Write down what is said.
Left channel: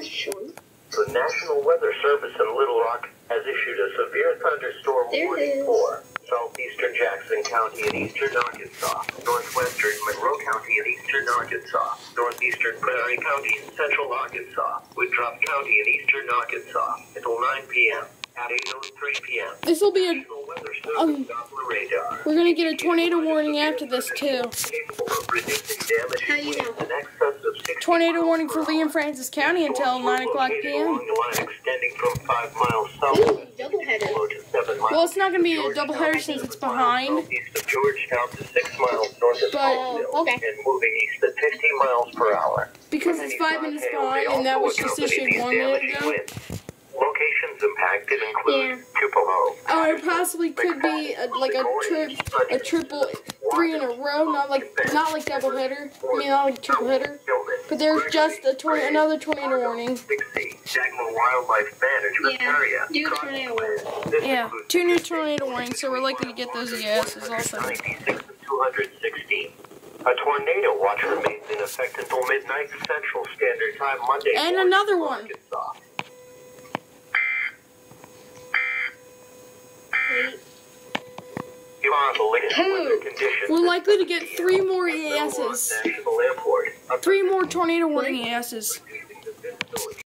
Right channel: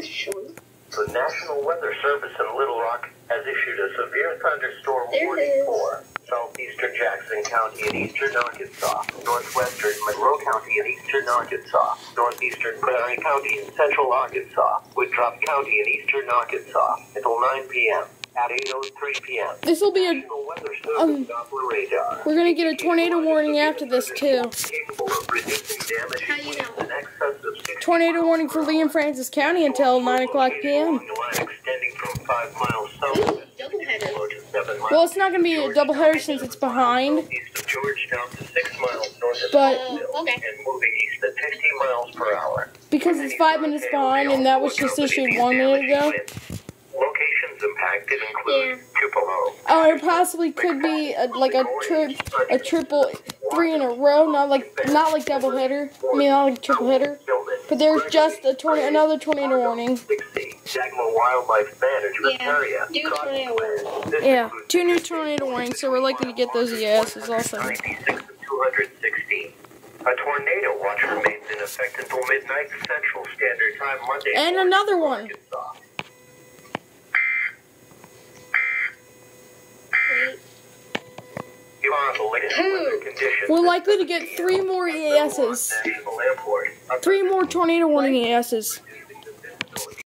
That's short. The National Weather Service in Little Rock has issued a severe thunderstorm warning for southeastern Jackson County and eastern Arkansas, northwestern Monroe County and eastern Arkansas, northeastern Prairie County and central Arkansas, Woodruff County and eastern Arkansas until 9 p.m. At 8:03 p.m. This will be a we're gonna get a tornado warning after this too. Tornado warning for Lee and Francis County until 9 o'clock p.m. Well, it's not gonna be a doubleheader since it's behind. But because it's 5 minutes behind, and that was just issued 1 minute ago. Locations impacted include Tupelo. It possibly could be a triple 3 in a row, not like doubleheader. I mean, not like triple header. But there's just another tornado warning. Yeah, 2 new tornado warnings, so we're likely to get those EASs also. A tornado watch remains in effect until midnight Central Standard Time Monday. And another one. We're likely to get 3 more EASs. 3 more tornado warning EASs.